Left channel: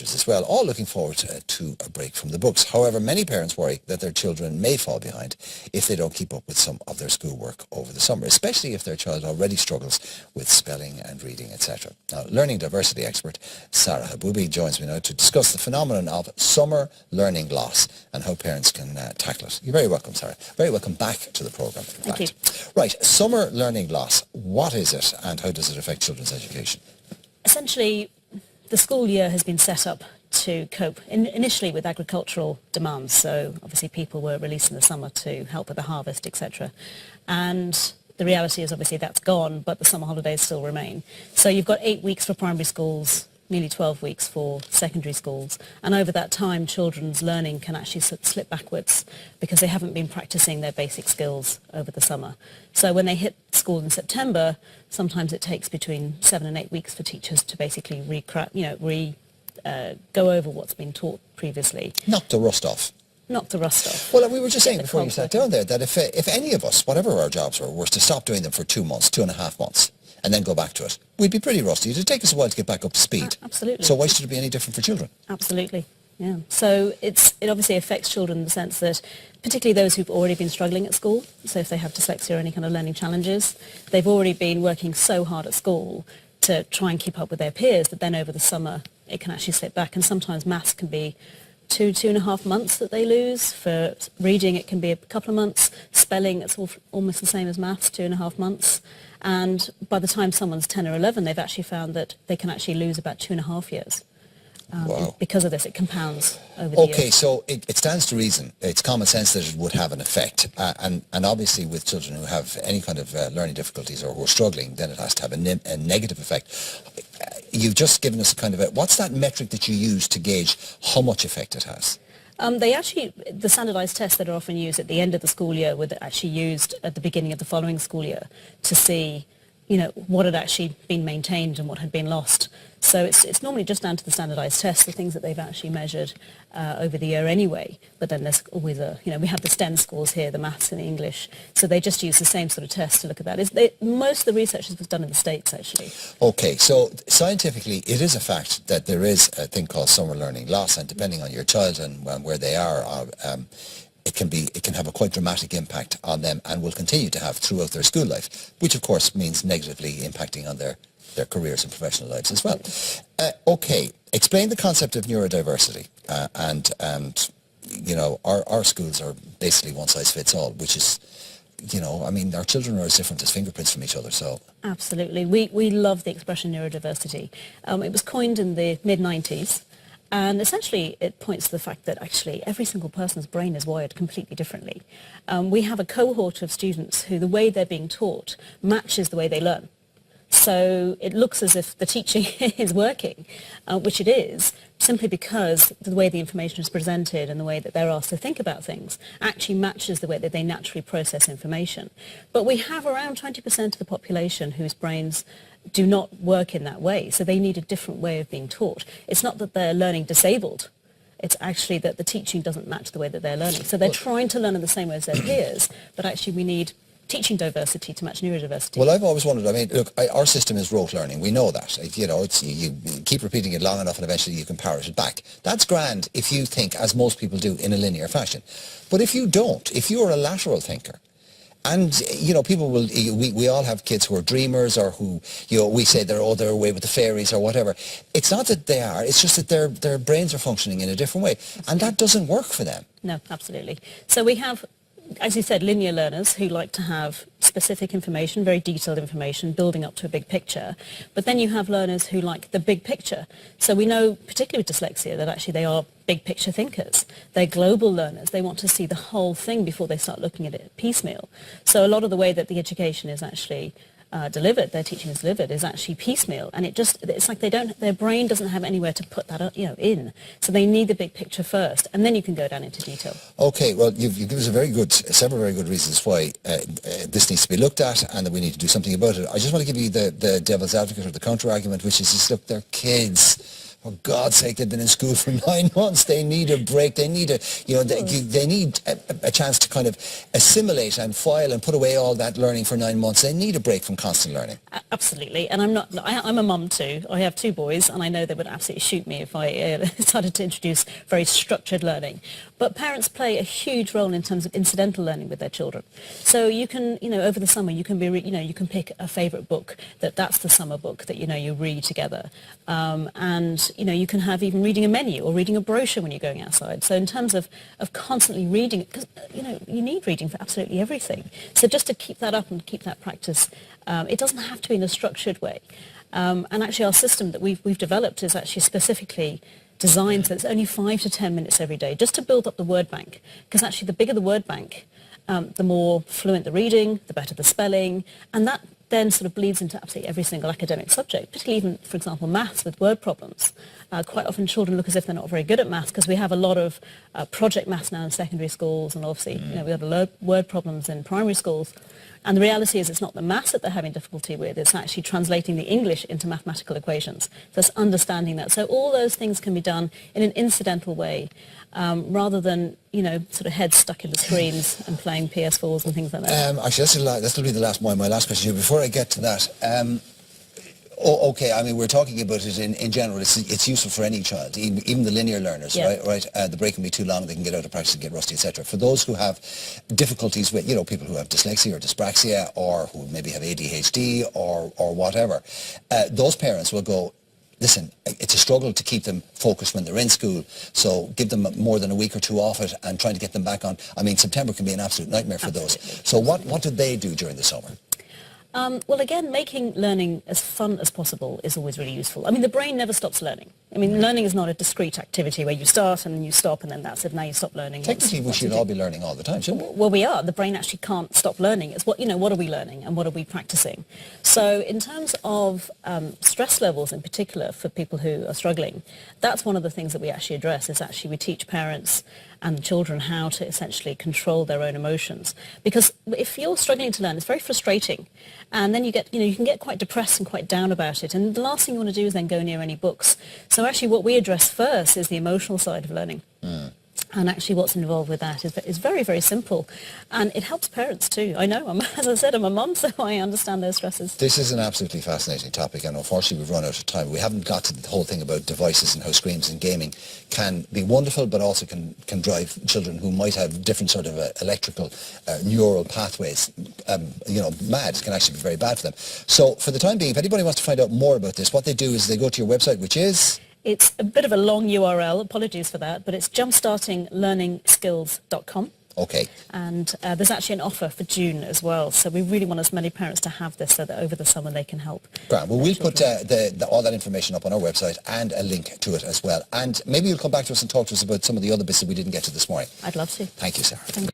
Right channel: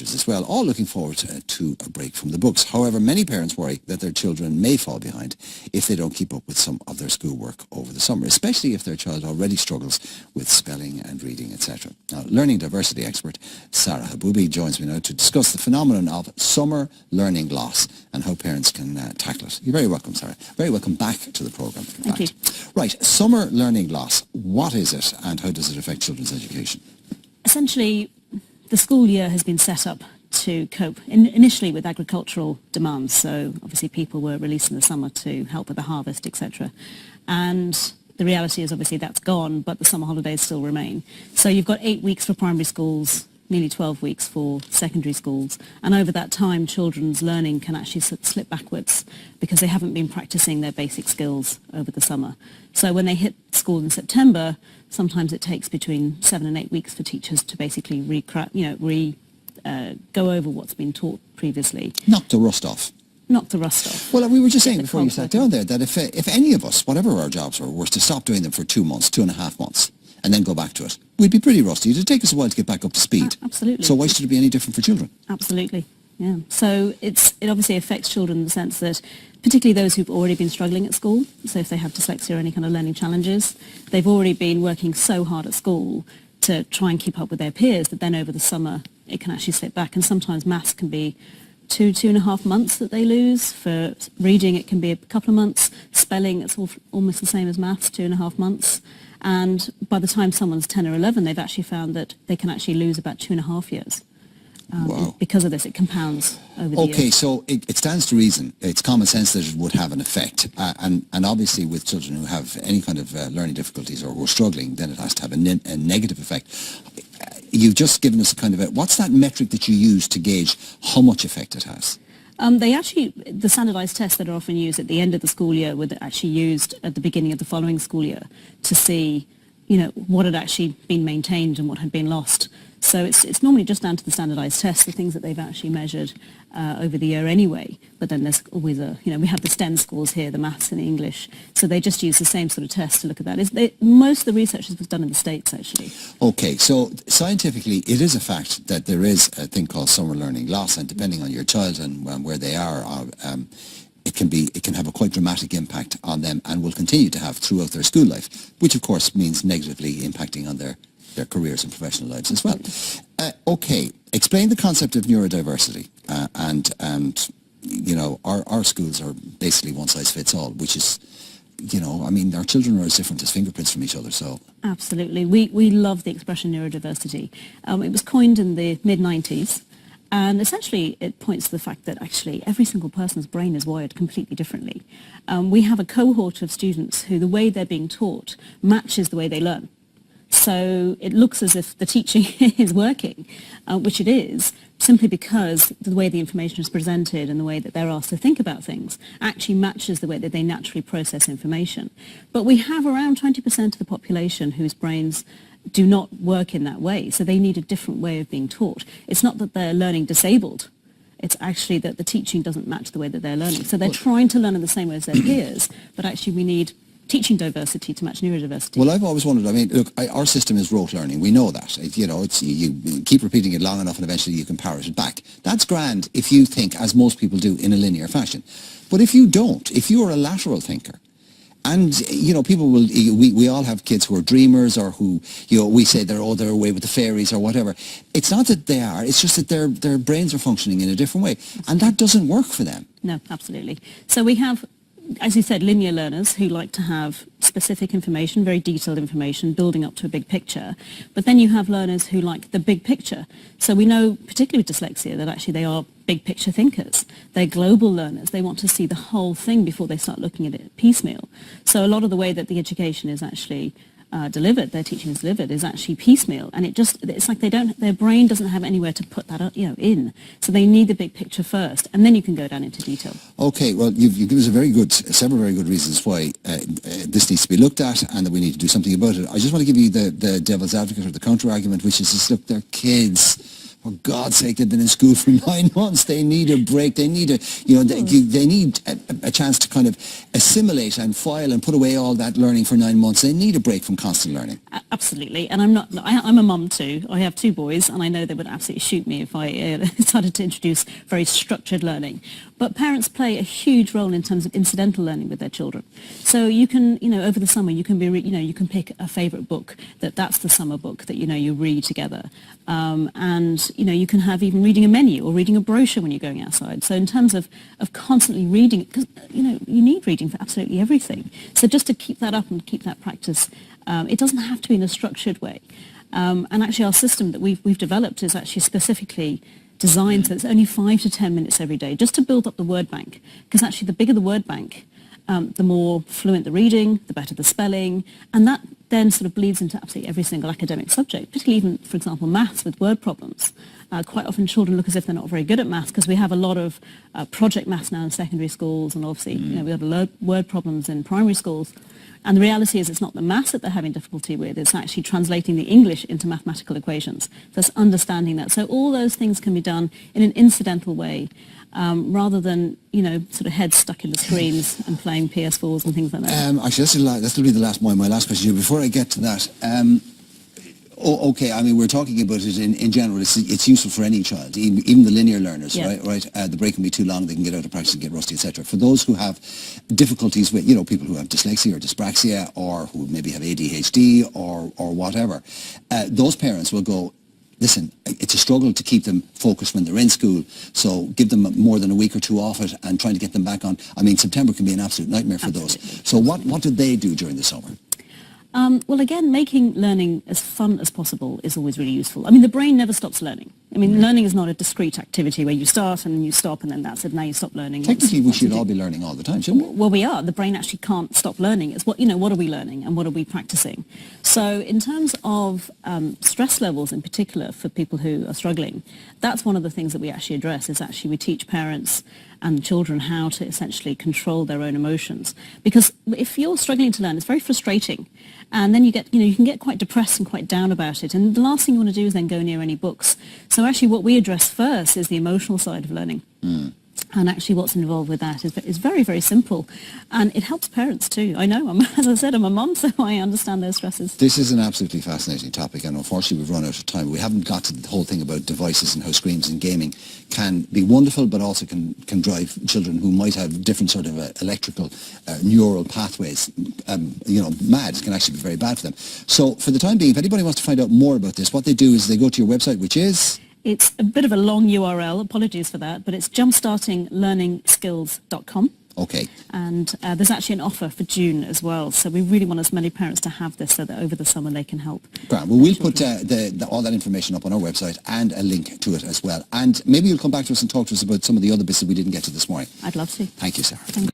teachers as well, all looking forward to a break from the books. However, many parents worry that their children may fall behind if they don't keep up with some of their schoolwork over the summer, especially if their child already struggles with spelling and reading, etc. Now, learning diversity expert Sarah Haboubi joins me now to discuss the phenomenon of summer learning loss and how parents can tackle it. You're very welcome, Sarah. Very welcome back to the programme, in fact. Thank you. Right, summer learning loss, what is it and how does it affect children's education? Essentially, the school year has been set up to cope initially with agricultural demands. So obviously people were released in the summer to help with the harvest, etc. And the reality is obviously that's gone, but the summer holidays still remain. So you've got 8 weeks for primary schools, nearly 12 weeks for secondary schools. And over that time, children's learning can actually slip backwards because they haven't been practicing their basic skills over the summer. So when they hit school in September, sometimes it takes between 7 and 8 weeks for teachers to basically go over what's been taught previously. Knock the rust off. Knock the rust off. Well, we were just saying before you sat down there that if any of us, whatever our jobs were, was to stop doing them for 2 months, 2.5 months, and then go back to it, we'd be pretty rusty. It'd take us a while to get back up to speed. Absolutely. So why should it be any different for children? Absolutely, yeah. So it obviously affects children in the sense that, particularly those who've already been struggling at school, so if they have dyslexia or any kind of learning challenges, they've already been working so hard at school to try and keep up with their peers that then over the summer it can actually slip back, and sometimes maths can be 2.5 months that they lose. For reading it can be a couple of months. Spelling, it's almost the same as maths, 2.5 months. And by the time someone's 10 or 11, they've actually found that they can actually lose about 2.5 years. Wow. Because of this, it compounds over the years. Okay, so it stands to reason. It's common sense that it would have an effect. And obviously with children who have any kind of learning difficulties or who are struggling, then it has to have a negative effect. You've just given us a kind of what's that metric that you use to gauge how much effect it has? The standardised tests that are often used at the end of the school year were actually used at the beginning of the following school year to see, what had actually been maintained and what had been lost. So it's normally just down to the standardised tests, the things that they've actually measured over the year anyway. But then there's always we have the STEM schools here, the maths and the English. So they just use the same sort of tests to look at that. Most of the research was done in the States, actually. Okay, so scientifically, it is a fact that there is a thing called summer learning loss, and depending on your child and where they are, it can have a quite dramatic impact on them and will continue to have throughout their school life, which of course means negatively impacting on their careers and professional lives as well. Okay, explain the concept of neurodiversity. Our schools are basically one size fits all, which is, our children are as different as fingerprints from each other, so... Absolutely. We love the expression neurodiversity. It was coined in the mid-90s, and essentially it points to the fact that actually every single person's brain is wired completely differently. We have a cohort of students who the way they're being taught matches the way they learn. So it looks as if the teaching is working, which it is, simply because the way the information is presented and the way that they're asked to think about things actually matches the way that they naturally process information. But we have around 20% of the population whose brains do not work in that way, so they need a different way of being taught. It's not that they're learning disabled. It's actually that the teaching doesn't match the way that they're learning. So they're trying to learn in the same way as their peers, but actually we need teaching diversity to match neurodiversity. Well, I've always wondered, look, our system is rote learning. We know that. You keep repeating it long enough and eventually you can parrot it back. That's grand if you think, as most people do, in a linear fashion. But if you don't, if you're a lateral thinker, and, people will, we all have kids who are dreamers or who, we say they're away with the fairies or whatever. It's not that they are, it's just that their brains are functioning in a different way. And that doesn't work for them. No, absolutely. So we have, as you said, linear learners who like to have specific information, very detailed information, building up to a big picture. But then you have learners who like the big picture. So we know, particularly with dyslexia, that actually they are big picture thinkers. They're global learners. They want to see the whole thing before they start looking at it piecemeal. So a lot of the way that the education is actually delivered, their teaching is delivered, is actually piecemeal, and it's like their brain doesn't have anywhere to put that in. So they need the big picture first, and then you can go down into detail. Okay, well, you've given us several very good reasons why this needs to be looked at and that we need to do something about it. I just want to give you the devil's advocate or the counter argument, which is just, look, they're kids. for God's sake, they've been in school for 9 months. They need a break. They need they need a chance to kind of assimilate and file and put away all that learning for 9 months. They need a break from constant learning. Absolutely. And I'm a mum too. I have 2 boys, and I know they would absolutely shoot me if I started to introduce very structured learning. But parents play a huge role in terms of incidental learning with their children. So you can, over the summer, you can you can pick a favourite book that's the summer book that, you read together. And, you can have even reading a menu or reading a brochure when you're going outside. So in terms of constantly reading, because, you need reading for absolutely everything. So just to keep that up and keep that practice, it doesn't have to be in a structured way. And actually our system that we've developed is actually specifically designed so it's only 5 to 10 minutes every day, just to build up the word bank. Because actually the bigger the word bank, the more fluent the reading, the better the spelling, and that then sort of bleeds into absolutely every single academic subject, particularly even, for example, maths with word problems. Quite often children look as if they're not very good at maths because we have a lot of project maths now in secondary schools, and obviously we have a lot of word problems in primary schools. And the reality is it's not the maths that they're having difficulty with, it's actually translating the English into mathematical equations. So it's understanding that. So all those things can be done in an incidental way, rather than, sort of heads stuck in the screens and playing PS4s and things like that. Actually, that's going to be my last question here. Before I get to that, okay, I mean, we're talking about it in general. It's useful for any child, even the linear learners, Yeah. right? The break can be too long, they can get out of practice and get rusty, etc. For those who have difficulties with, people who have dyslexia or dyspraxia, or who maybe have ADHD or whatever, those parents will go, listen, it's a struggle to keep them focused when they're in school, so give them more than a week or two off it and trying to get them back on. I mean, September can be an absolute nightmare for those. So what did they do during the summer? Well, again, making learning as fun as possible is always really useful. I mean, the brain never stops learning. I mean, learning is not a discrete activity where you start and then you stop and then that's it, now you stop learning. Technically, we should all be learning all the time, shouldn't we? Well, we are. The brain actually can't stop learning. It's what are we learning and what are we practicing? So in terms of stress levels in particular for people who are struggling, that's one of the things that we actually address, is actually we teach parents and children how to essentially control their own emotions. Because if you're struggling to learn, it's very frustrating. And then you can get quite depressed and quite down about it. And the last thing you want to do is then go near any books. So actually what we address first is the emotional side of learning. And actually what's involved with that is very, very simple. And it helps parents too. I know, as I said, I'm a mum, so I understand those stresses. This is an absolutely fascinating topic, and unfortunately we've run out of time. We haven't got to the whole thing about devices and how screens and gaming can be wonderful, but also can drive children who might have different sort of electrical, neural pathways, mad. It can actually be very bad for them. So for the time being, if anybody wants to find out more about this, what they do is they go to your website, which is... It's a bit of a long URL, apologies for that, but it's jumpstartinglearningskills.com. Okay. And there's actually an offer for June as well, so we really want as many parents to have this so that over the summer they can help. Right. Well, we'll put all that information up on our website and a link to it as well. And maybe you'll come back to us and talk to us about some of the other bits that we didn't get to this morning. I'd love to. Thank you, Sarah. Thank you.